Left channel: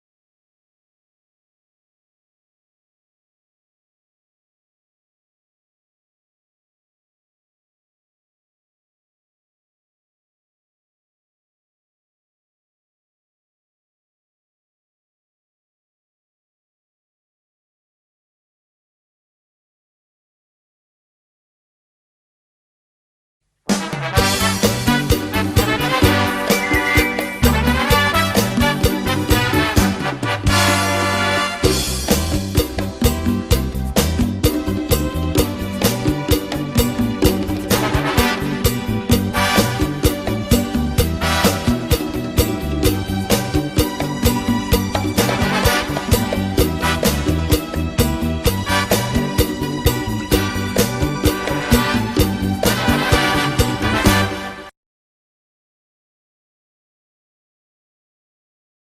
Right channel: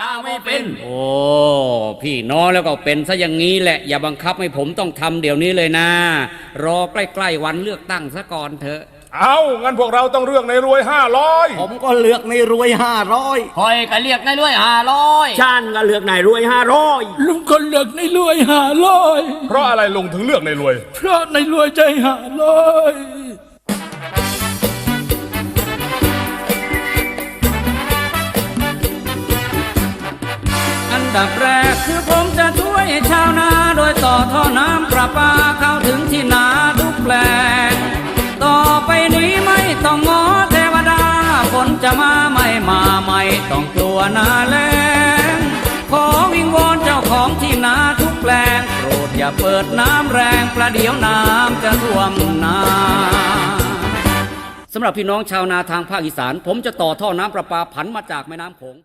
กาไม่เป็น โอ้พี่น้องแล้วก็เป็นซะอย่างนี้แหละ อย่าบังคับให้ผมต้องทำเดี๋ยวนี้เลยนะ รอใกล้ๆวันเลือกตั้งซะก่อนเถอะ เอางั้นพวกเราต้องเลือกในรวยห้าร้อยผมก็เลือกในรวยห้าร้อยคอยก็เรียกนายด้วยห้าร้อยชานก็เลือกนายรวยห้าร้อยลุงก็เลือกในรวยหาร้อยเพราะอะไรลุงถึงเลือกในรวย เพราะในรวยใจหาร้อย กคือผมจะช่วยชาวนาโดยต่อท่อน้ำประปาเข้าถึงที่นาทุกแปลงต่อไปนี้ไม่ต้องงอเทวดาฝนจะมาไม่มาไม่ต้องกลัวหนาแล้งขอวิงวอนเจ้าของที่นาทุกแปลงโปรดอย่าเปิดน้ำแรงประเดี๋ยวน้ำจะท่วมนาสำหรับพี่น้องชาวนาทางภาคอีสาน ผมจะต่อท่อน้ำประปาผันมาจากแม่น้ำโขง